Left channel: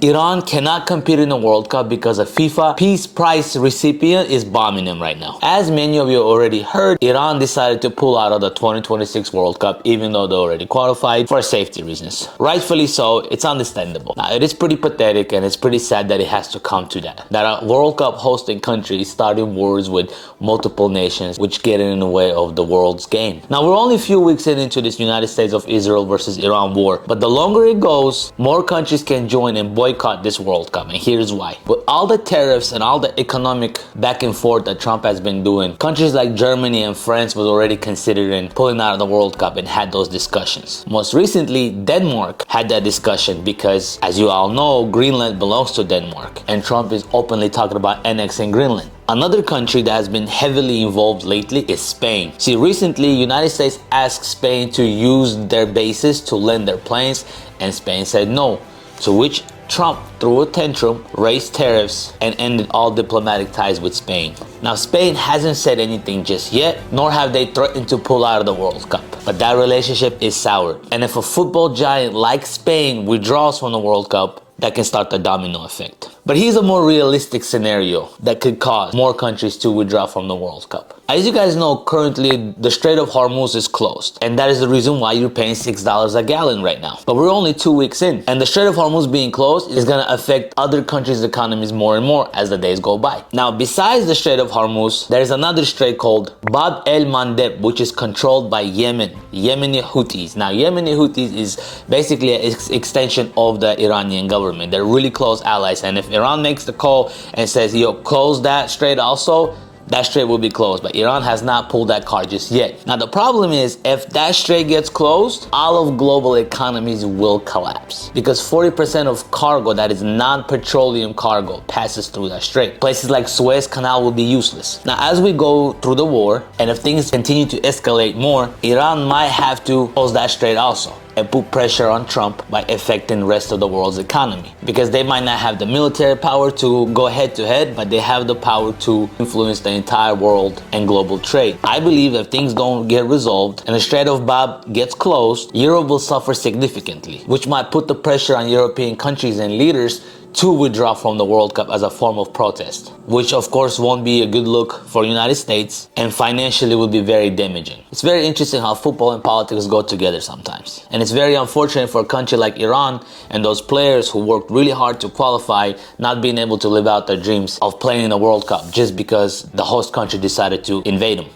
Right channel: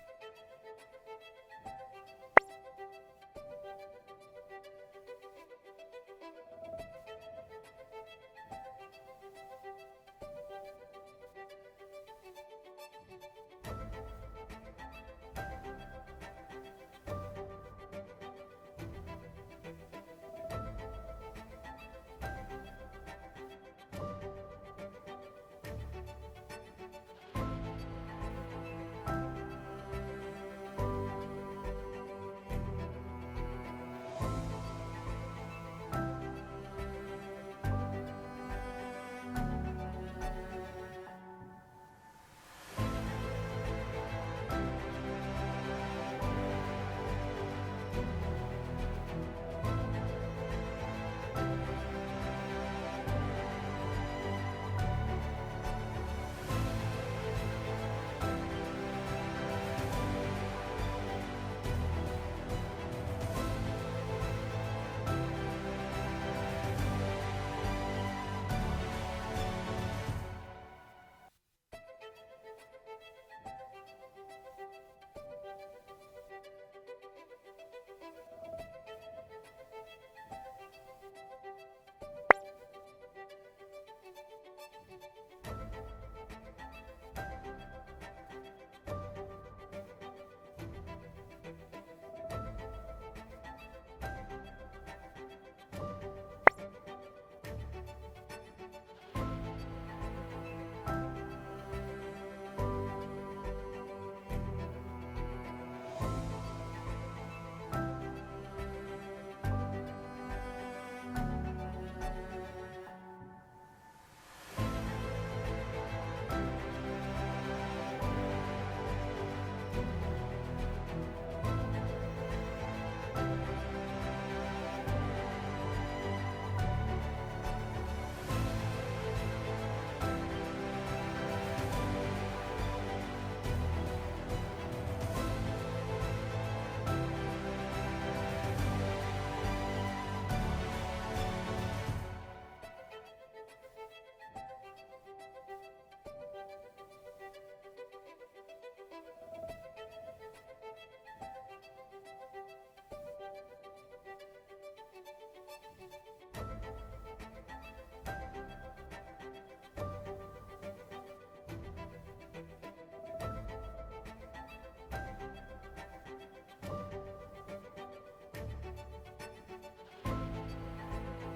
Iran cannot compete in the World Cup because a FIFA Peace Prize recipient is bombing them right now. As many of you already heard, Iran decided to pull out of the 2026 World Cup even though they already qualified for safety reasons. Rightfully so, it's understandable. Now, it is pretty pathetic and it's pretty sad that it has to come to that. That a World Cup hosting country is starting wars with multiple nations which get in the way of the world's game. Now, we're only a few weeks into this United States of Israel versus Iran war, but the longer it goes, more countries can join and boycott this World Cup, and here's why. With all the tariffs and all the economic back and forth that Trump has been doing, countries like Germany and France was already considering pulling out of the World Cup and had those discussions. Most recently, Denmark had that discussion because, as you all know, Greenland belongs to Denmark, and Trump is openly talking about annexing Greenland. Another country that has been heavily involved lately is Spain. See, recently, United States asked Spain to use their bases to land their planes, and Spain said no, to which Trump threw a tantrum, raised tariffs, and ended all diplomatic ties with Spain. Now, Spain hasn't said anything just yet, nor have they threatened to pull out of the World Cup. But that relationship is soured. And if a football giant like Spain withdraws from the World Cup, that can start the domino effect. But here's a more realistic scenario that could cause more countries to withdraw from the World Cup. As you guys know, currently the Strait of Hormuz is closed, and that is the reason why you're paying $6 a gallon right now. But we're only 2 weeks in, and the Strait of Hormuz being closed is gonna affect other countries' economies more and more as the days go by. Now, besides the Strait of Hormuz, there's another strait called Bab el-Mandeb, which is controlled by Yemen, Yemeni Houthis. Now, Yemeni Houthis is basically an extension of the Iranian government. They're really close allies, and if Iran makes the call and says, yo, close that strait also, that strait will be closed, but Iran has not pulled that card just yet. Now, the problem is, if that strait gets closed, all of global economies will collapse because 40% of cargo that is non-petroleum cargo passes through that strait. Places like Suez Canal will be useless. Now, as we go through the war, and if things continue to escalate more, Iran might have to close that strait also and put pressure on Trump by affecting the rest of the world's economy. Because they might not have the military power to go head to head, but they have the power to influence the entire world and global trade. I believe if things don't get resolved and the Strait of Bab gets closed, Europe will suffer significantly, which might put the pressure on European countries and leaders to withdraw from the World Cup as a form of protest, which of course won't be a good look for the United States and financially will be very damaging. It's very interesting how football and politics go together sometimes. And it's very unfortunate for a country like Iran and those players who worked really hard to qualify not being able to live out their dreams of playing in the World Cup just because the host country decided to invade them.